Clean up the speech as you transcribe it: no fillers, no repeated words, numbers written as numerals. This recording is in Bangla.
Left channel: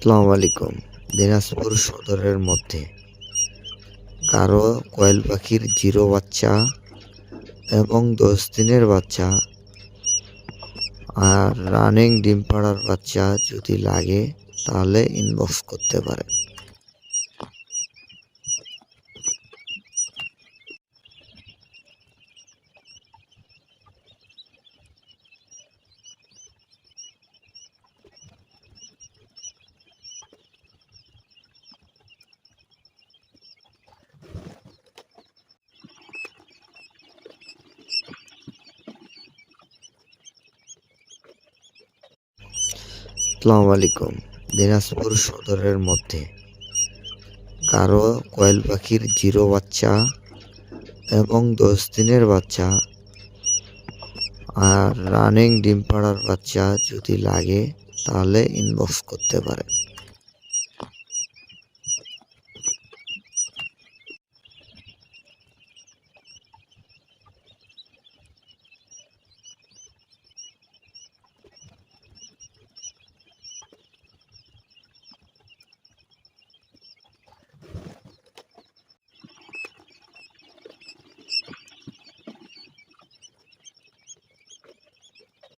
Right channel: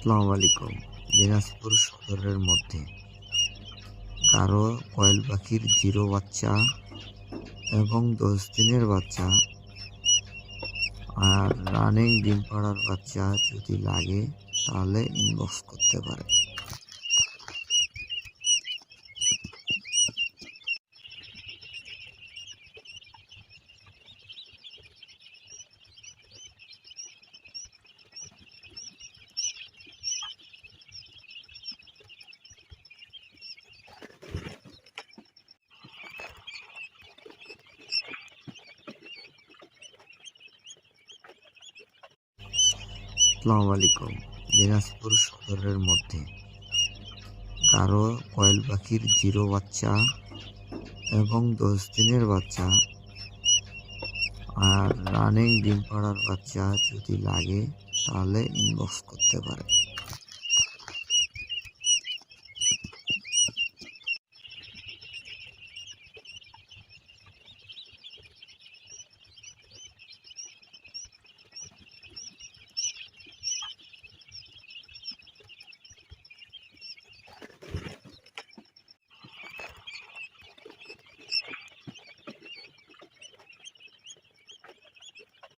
আসসালামু আলাইকুম। দিনাজপুর সদরের মধ্যে কারো কোয়েল পাখির 0 বাচ্চা এবং 10 দিনের বাচ্চা আর রানিং ডিম পাড়ার বাচ্চা যদি লাগে তাহলে ইনবক্স করতে পারে। আসসালামু আলাইকুম। দিনাজপুর সদরের মধ্যে কারো কোয়েল পাখির 0 বাচ্চা এবং 10 দিনের বাচ্চা আর রানিং ডিম পাড়ার বাচ্চা যদি লাগে তাহলে ইনবক্স করতে পারে।